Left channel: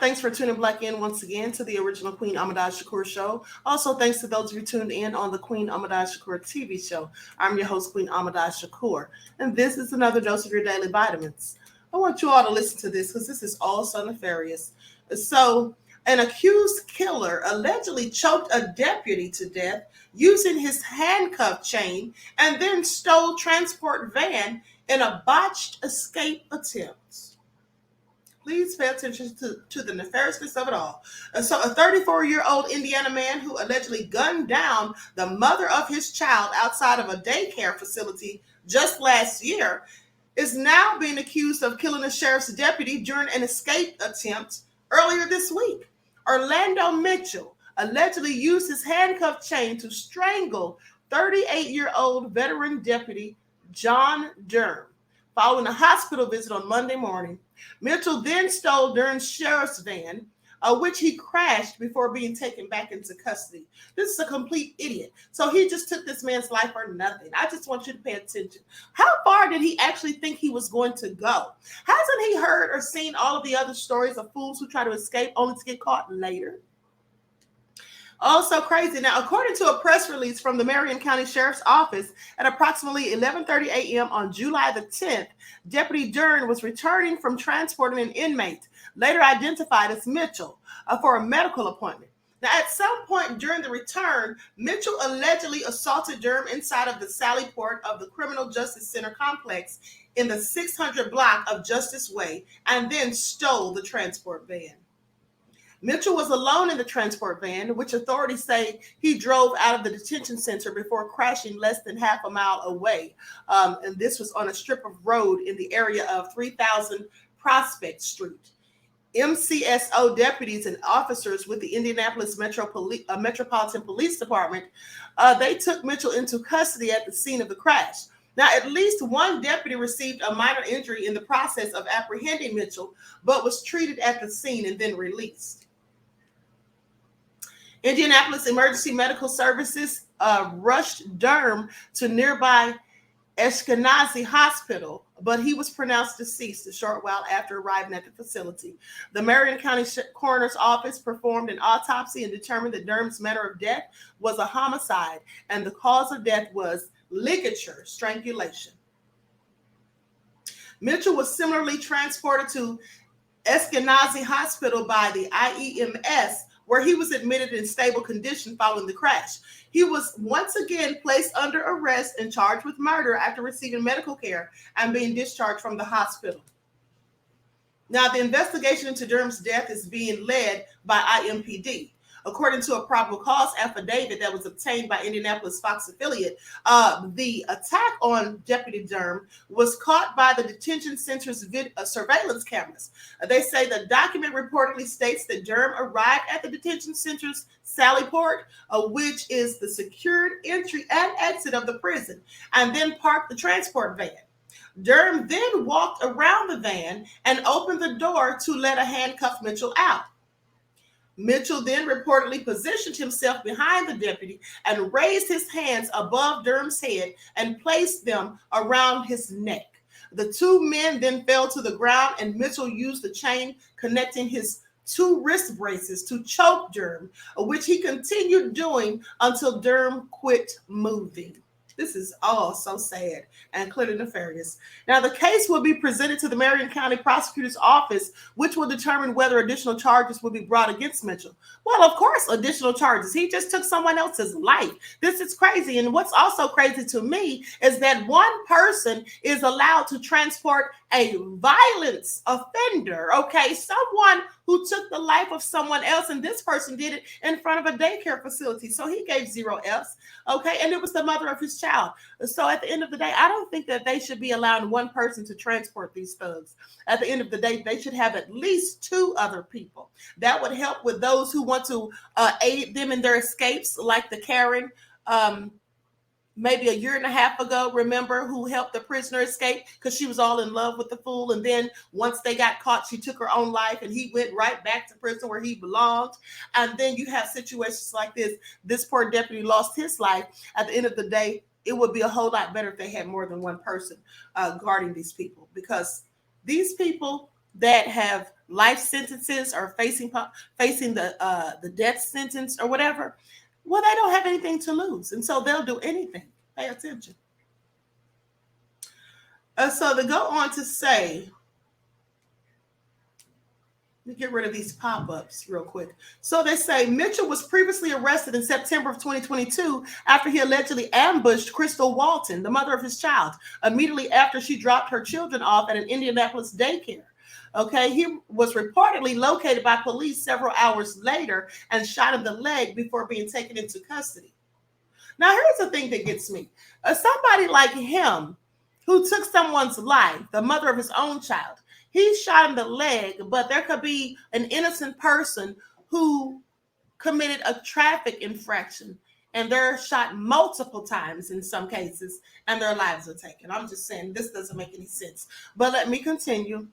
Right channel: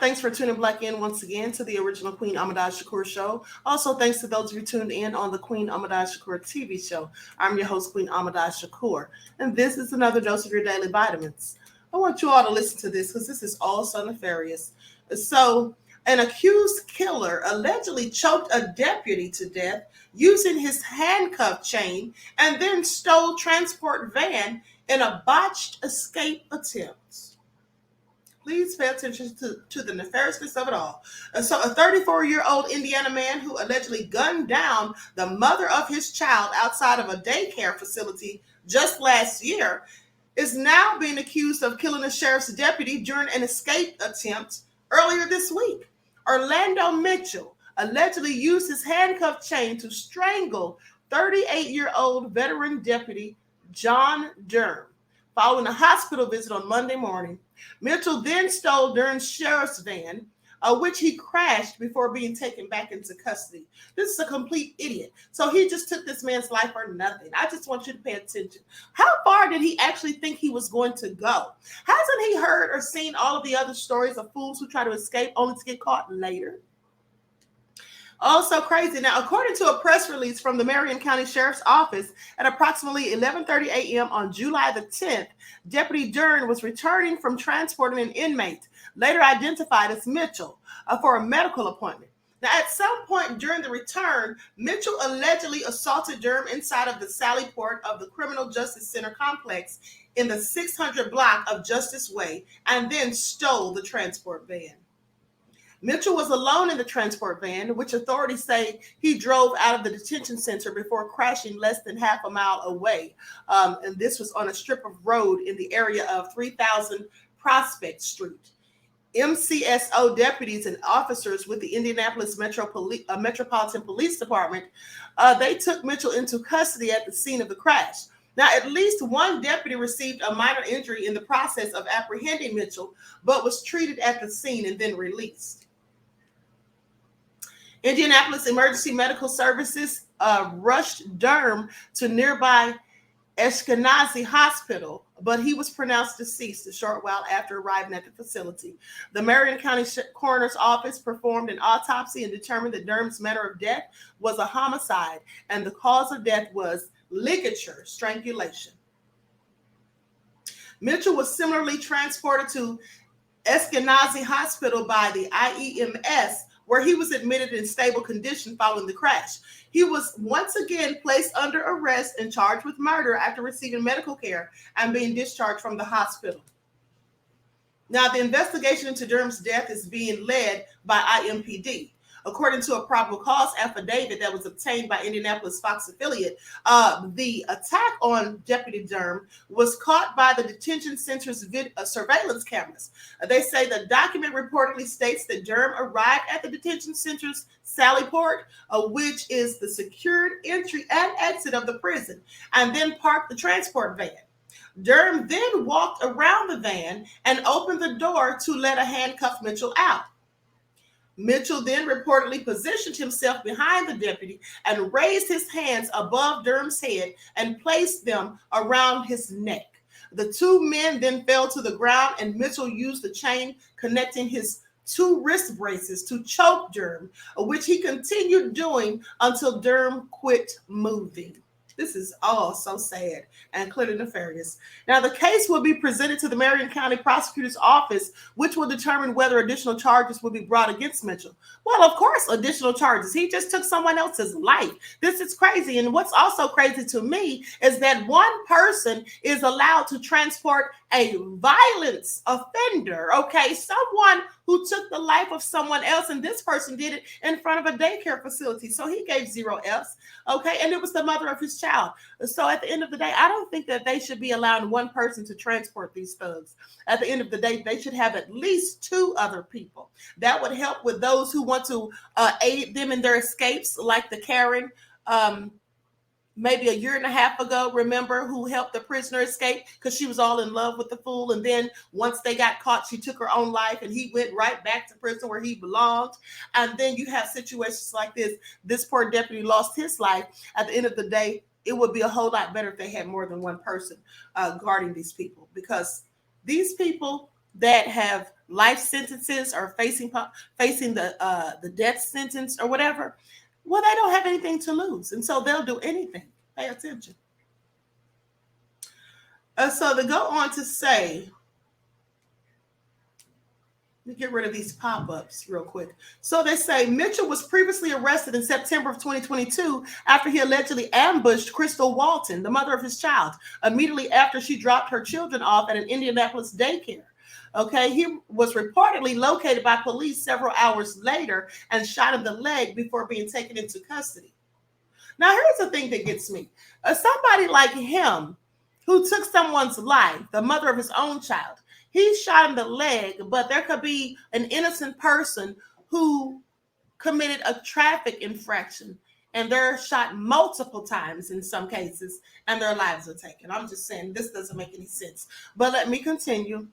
Thanks for tuning back in once again to the original Queen Ahmadiyyah Shakur show. Also, thanks to those of you tuned in on the Queen Ahmadiyyah Shakur TV show. I'm your host, Queen Ahmadiyyah Shakur, and this is another dose of your daily vitamins. I want you all to listen to this because this is all so nefarious. So, an accused killer allegedly choked a deputy to death using his handcuff chain and then stole transport van in a botched escape attempt. Please pay attention to the nefariousness of it all. So a 34-year-old Indiana man who allegedly gunned down the mother of his child outside of a daycare facility just last year is now being accused of killing a sheriff's deputy during an escape attempt earlier this week. Orlando Mitchell allegedly used his handcuff chain to strangle 38-year-old veteran deputy John Durham following a hospital visit on Monday morning. Mitchell then stole Durham's sheriff's van, which he crashed before being taken back into custody. This is a complete idiot. So he just took this man's life for nothing. I just want you to pay attention. How far did he actually think he was going to go? Hasn't he heard or seen all of the other stories of fools who try to escape only to get caught later? Also crazy. Now, according to a press release from the Marion County Sheriff's Office at approximately 11:30 a.m. on July the 10th, Deputy Durham was returning from transporting an inmate, later identified as Mitchell, for a medical appointment. Now, at some point during the return, Mitchell allegedly assaulted Durham inside of the Sally Port of the Criminal Justice Center complex in the 600 block of Justice Way and then stole the transport van. Mitchell was alone in the transport van, which authorities say he drove out of the detention center before crashing less than half a mile away. And this was on a strip of road in the area of 3000 Prospect Street. MCSO deputies and officers with the Indianapolis Metropolitan Police Department, they took Mitchell into custody at the scene of the crash. Now, at least one deputy received a minor injury in the process of apprehending Mitchell, but was treated at the scene and then released. Indianapolis Emergency Medical Services rushed Durham to nearby Ashkenazi Hospital, but he was pronounced deceased a short while after arriving at the facility. The Marion County Coroner's Office performed an autopsy and determined that Durham's manner of death was a homicide, and the cause of death was ligature strangulation. Mitchell was similarly transported to Ashkenazi Hospital by the IEMS, where he was admitted in stable condition following the crash. He was once again placed under arrest and charged with murder after receiving medical care and being discharged from the hospital. Now, the investigation into Durham's death is being led by IMPD. According to a probable cause affidavit that was obtained by Indianapolis Fox affiliate, the attack on Deputy Durham was caught by the detention center's surveillance cameras. They say the document reportedly states that Durham arrived at the detention center's Sally Port, which is the secured entry and exit of the prison, and then parked the transport van. Durham then walked around the van and opened the door to let a handcuffed Mitchell out. Mitchell then reportedly positioned himself behind the deputy and raised his hands above Durham's head and placed them around his neck. The two men then fell to the ground, and Mitchell used the chain connecting his two wrist braces to choke Durham, which he continued doing until Durham quit moving. This is all so sad and clearly nefarious. Now, the case will be presented to the Marion County Prosecutor's Office, which will determine whether additional charges will be brought against Mitchell. Well, of course, additional charges. He just took someone else's life. This is crazy. And what's also crazy to me is that one person is allowed to transport a violence offender, okay? Someone who took the life of someone else, and this person did it in front of a daycare facility. So he gave 0 Fs, okay? And it was the mother of his child. So at the end of the day, I don't think that they should be allowing one person to transport these thugs. At the end of the day, they should have at least 2 other people. That would help with those who want to aid them in their escapes, like the Karen, maybe a year and a half ago, remember, who helped the prisoner escape because she was all in love with the fool. And then once they got caught, she took her own life and he went right back to prison where he belonged. And then you have situations like this. This poor deputy lost his life. At the end of the day, it would be a whole lot better if they had more than one person guarding these people, because these people that have life sentences or facing the death sentence or whatever, well, they don't have anything to lose, and so they'll do anything. Pay attention. So they go on to say, let me get rid of these pop-ups real quick. So they say Mitchell was previously arrested in September of 2022 after he allegedly ambushed Crystal Walton, the mother of his child, immediately after she dropped her children off at an Indianapolis daycare. Okay, he was reportedly located by police several hours later and shot in the leg before being taken into custody. Now, here's the thing that gets me. Somebody like him who took someone's life, the mother of his own child, he's shot in the leg, but there could be an innocent person who committed a traffic infraction and they're shot multiple times in some cases and their lives are taken. I'm just saying this doesn't make any sense. But let me continue.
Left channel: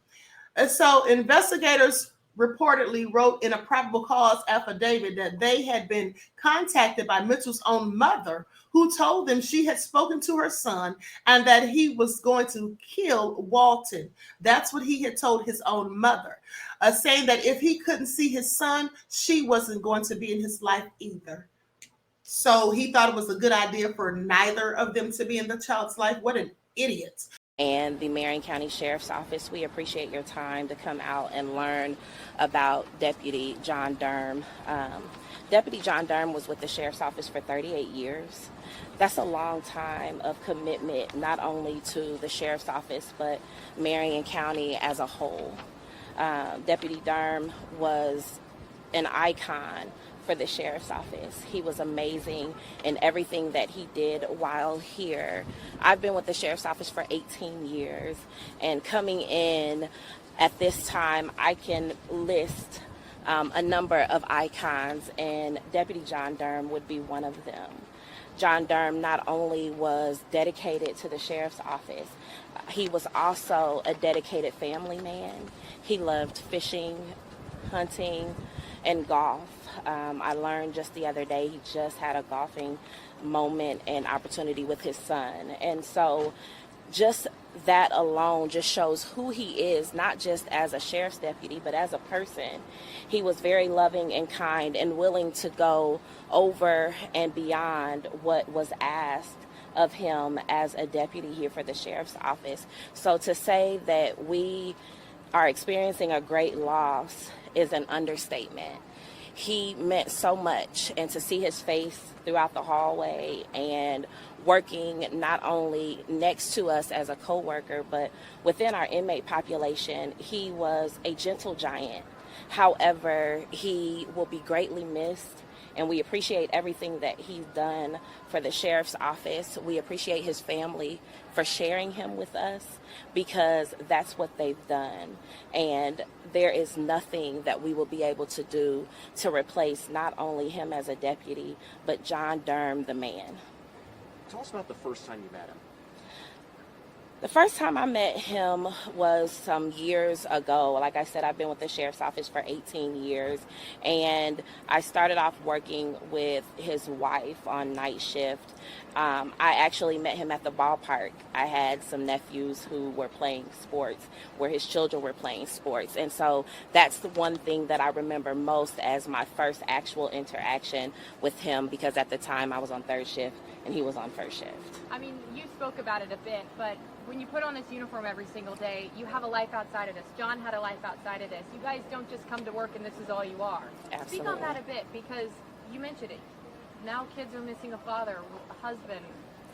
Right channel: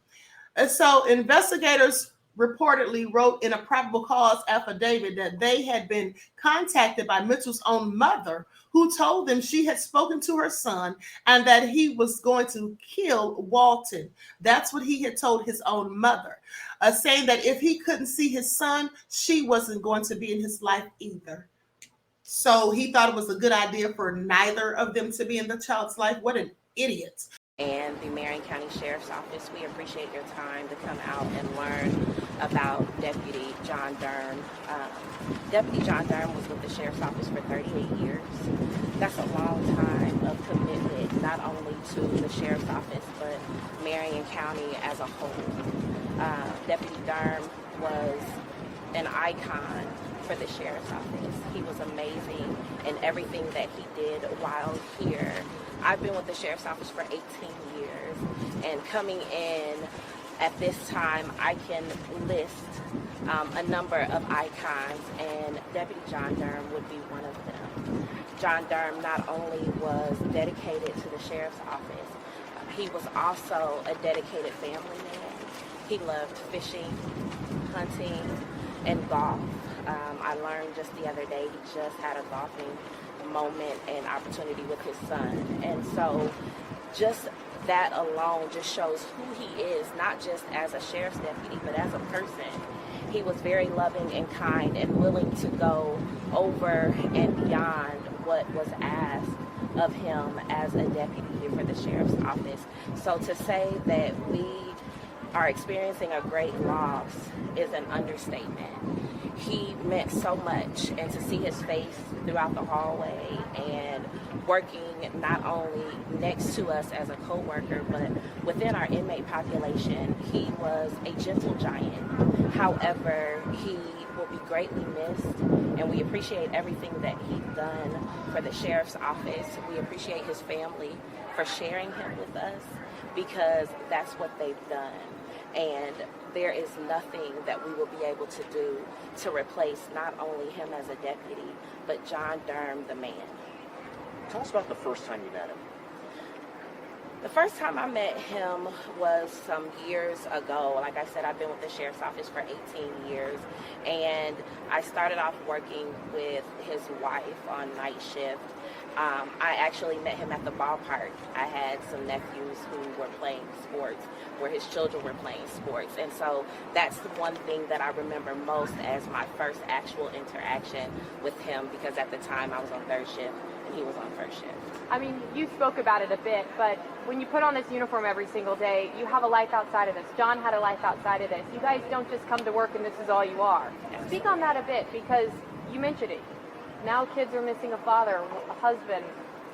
And so investigators reportedly wrote in a probable cause affidavit that they had been contacted by Mitchell's own mother, who told them she had spoken to her son and that he was going to kill Walton. That's what he had told his own mother, saying that if he couldn't see his son, she wasn't going to be in his life either. So he thought it was a good idea for neither of them to be in the child's life. What an idiot. And the Marion County Sheriff's Office, we appreciate your time to come out and learn about Deputy John Durham. Deputy John Durham was with the Sheriff's Office for 38 years. That's a long time of commitment, not only to the Sheriff's Office, but Marion County as a whole. Deputy Durham was an icon for the Sheriff's Office. He was amazing in everything that he did while here. I've been with the Sheriff's Office for 18 years, and coming in at this time, I can list a number of icons, and Deputy John Durham would be one of them. John Durham not only was dedicated to the Sheriff's Office, he was also a dedicated family man. He loved fishing, hunting, and golf. I learned just the other day he just had a golfing moment and opportunity with his son. And so just that alone just shows who he is, not just as a sheriff's deputy, but as a person. He was very loving and kind and willing to go over and beyond what was asked of him as a deputy here for the sheriff's office. So to say that we are experiencing a great loss is an understatement. He meant so much, and to see his face throughout the hallway and working not only next to us as a co-worker, but within our inmate population, he was a gentle giant. However, he will be greatly missed, and we appreciate everything that he's done for the sheriff's office. We appreciate his family for sharing him with us, because that's what they've done. And there is nothing that we will be able to do to replace not only him as a deputy, but John Durham, the man. Tell us about the first time you met him. The first time I met him was some years ago. Like I said, I've been with the sheriff's office for 18 years, and I started off working with his wife on night shift. I actually met him at the ballpark. I had some nephews who were playing sports, where his children were playing sports, and so that's the one thing that I remember most as my first actual interaction with him, because at the time I was on third shift and he was on first shift. I mean, you spoke about it a bit, but when you put on this uniform every single day, you have a life outside of this. John had a life outside of this. You guys don't just come to work and this is all you are. Absolutely. Speak on that a bit, because you mentioned it. Now kids are missing a father, a husband,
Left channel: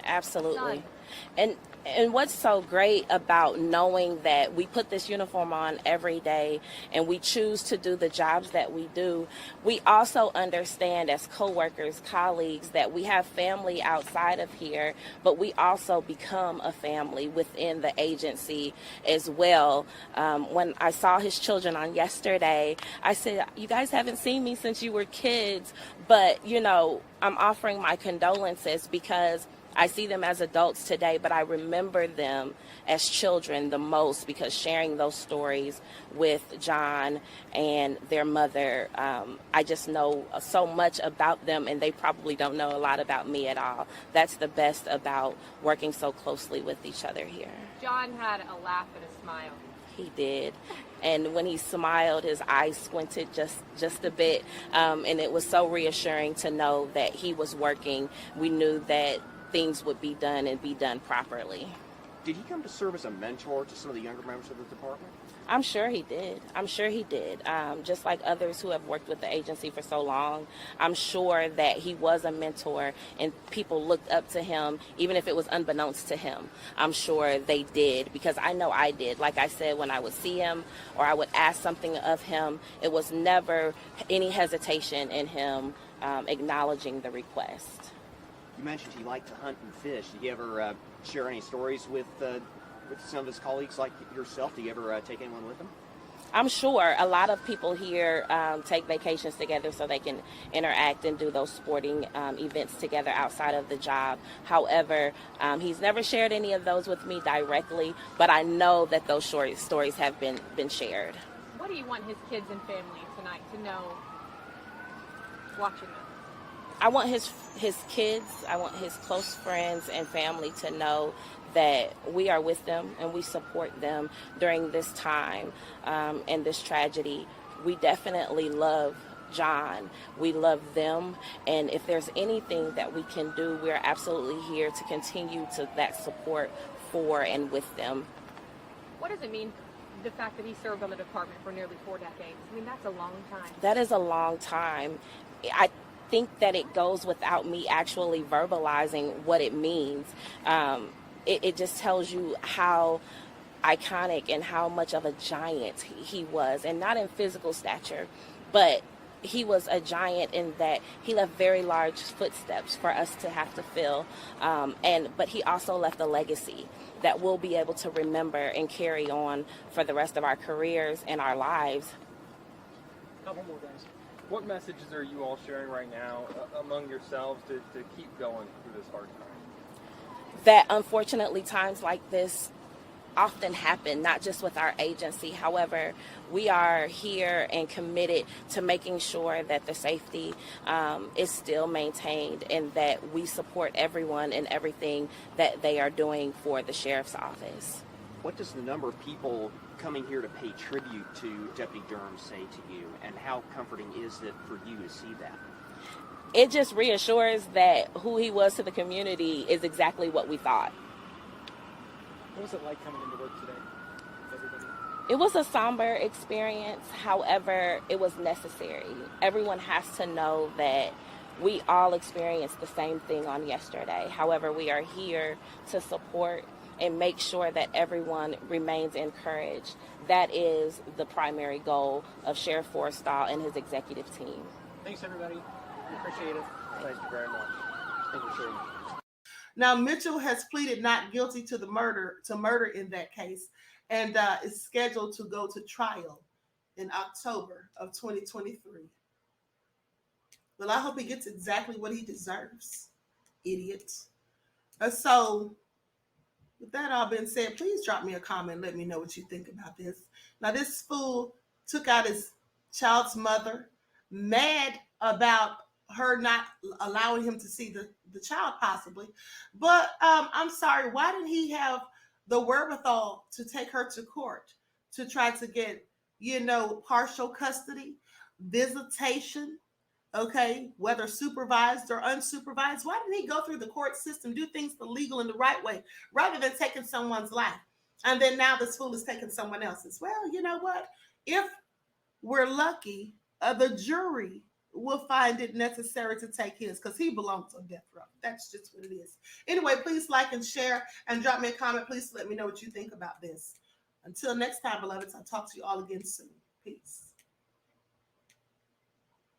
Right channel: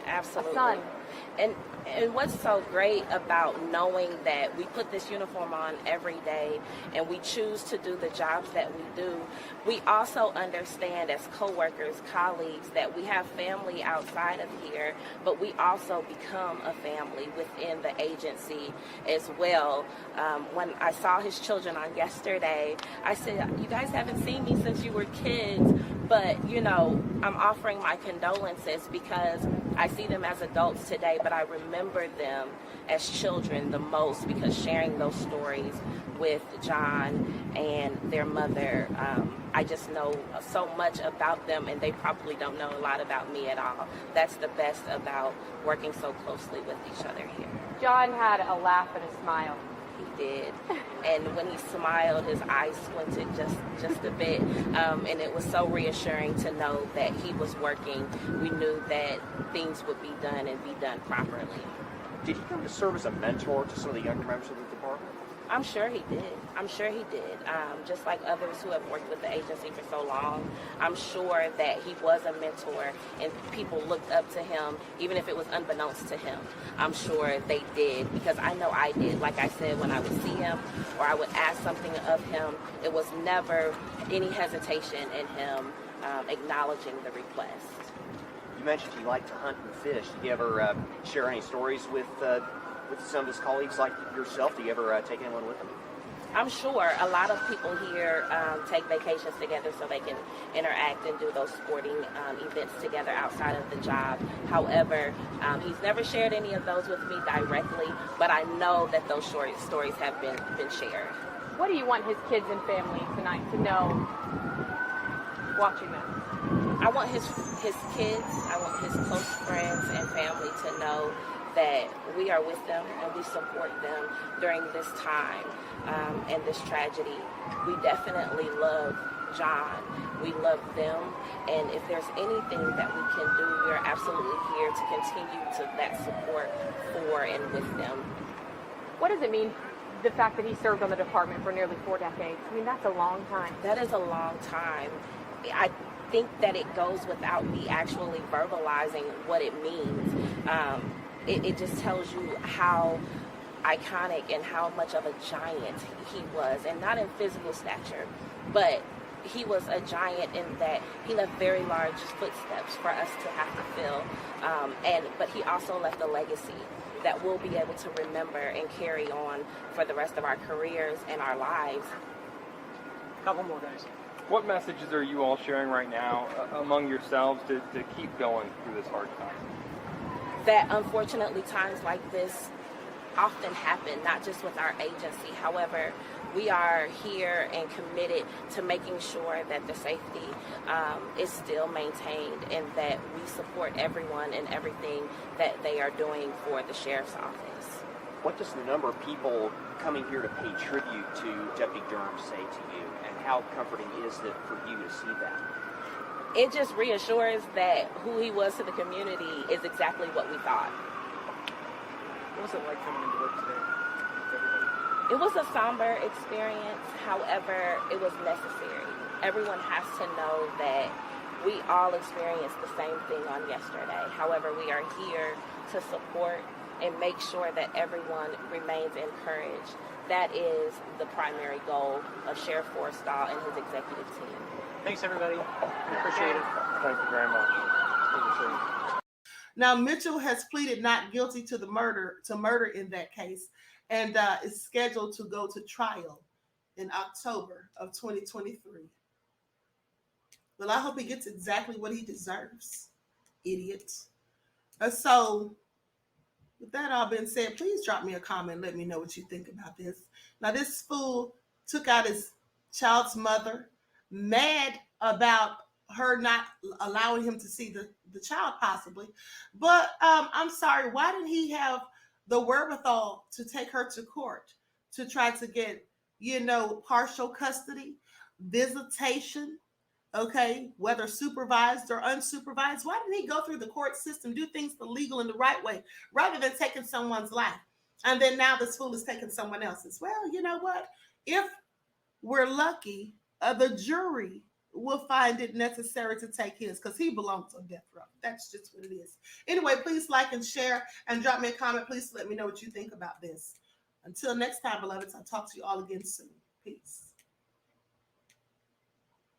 Absolutely. a son. And what's so great about knowing that we put this uniform on every day and we choose to do the jobs that we do, we also understand as co-workers, colleagues, that we have family outside of here, but we also become a family within the agency as well. When I saw his children on yesterday, I said, you guys haven't seen me since you were kids, but, you know, I'm offering my condolences because I see them as adults today, but I remember them as children the most, because sharing those stories with John and their mother, I just know so much about them, and they probably don't know a lot about me at all. That's the best about working so closely with each other here. John had a laugh and a smile. He did. And when he smiled, his eyes squinted just a bit. And it was so reassuring to know that he was working. We knew that things would be done and be done properly. Did he come to serve as a mentor to some of the younger members of the department? I'm sure he did. Just like others who have worked with the agency for so long, I'm sure that he was a mentor and people looked up to him, even if it was unbeknownst to him. I'm sure they did, because I know I did. Like I said, when I would see him or I would ask something of him, it was never any hesitation in him acknowledging the request. You mentioned he liked to hunt and fish. Did you ever share any stories with some of his colleagues like yourself? Do you ever take anyone with him? I'm sure a lot of people here take vacations together so they can interact and do those sporting events together outside of the job. However, he's never shared any of those with me directly, but I know that those short stories have been shared. What do you want his kids and family tonight to know watching this? I want his kids, I want his close friends and family to know that we are with them and we support them during this time and this tragedy. We definitely love John. We love them, and if there's anything that we can do, we're absolutely here to continue to that support for and with them. What does it mean, the fact that he served on the department for nearly 4 decades? I mean, that's a long time. That is a long time. I think that it goes without me actually verbalizing what it means. It just tells you how iconic and how much of a giant he was, and not in physical stature, but he was a giant in that he left very large footsteps for us to have to fill, but he also left a legacy that we'll be able to remember and carry on for the rest of our careers and our lives. Couple more guys. What messages are you all sharing right now among yourselves to keep going through this hard time? That unfortunately times like this often happen, not just with our agency. However, we are here and committed to making sure that the safety is still maintained and that we support everyone and everything that they are doing for the sheriff's office. What does the number of people coming here to pay tribute to Deputy Durham say to you, and how comforting is it for you to see that? It just reassures that who he was to the community is exactly what we thought. What's it like coming into work today? It was a somber experience. However, it was necessary. Everyone has to know that we all experienced the same thing on yesterday. However, we are here to support and make sure that everyone remains encouraged. That is the primary goal of Sheriff Forrestal and his executive team. Thanks, everybody. Appreciate it. Thank you very much. Thank you, sir. Now, Mitchell has pleaded not guilty to murder in that case, and is scheduled to go to trial in October of 2023. Well, I hope he gets exactly what he deserves, idiot. So, with that all being said, please drop me a comment. Let me know what you think about this. Now, this fool took out his child's mother, mad about her not allowing him to see the child possibly. But I'm sorry, why didn't he have the wherewithal to take her to court to try to get, partial custody, visitation, okay, whether supervised or unsupervised? Why didn't he go through the court system, do things the legal and the right way, rather than taking someone's life? And then now this fool is taking someone else's. Well, you know what? If we're lucky, the jury will find it necessary to take his, because he belongs on death row. That's just what it is. Anyway, please like and share and drop me a comment. Please let me know what you think about this. Until next time, beloveds, I'll talk to you all again soon. Peace.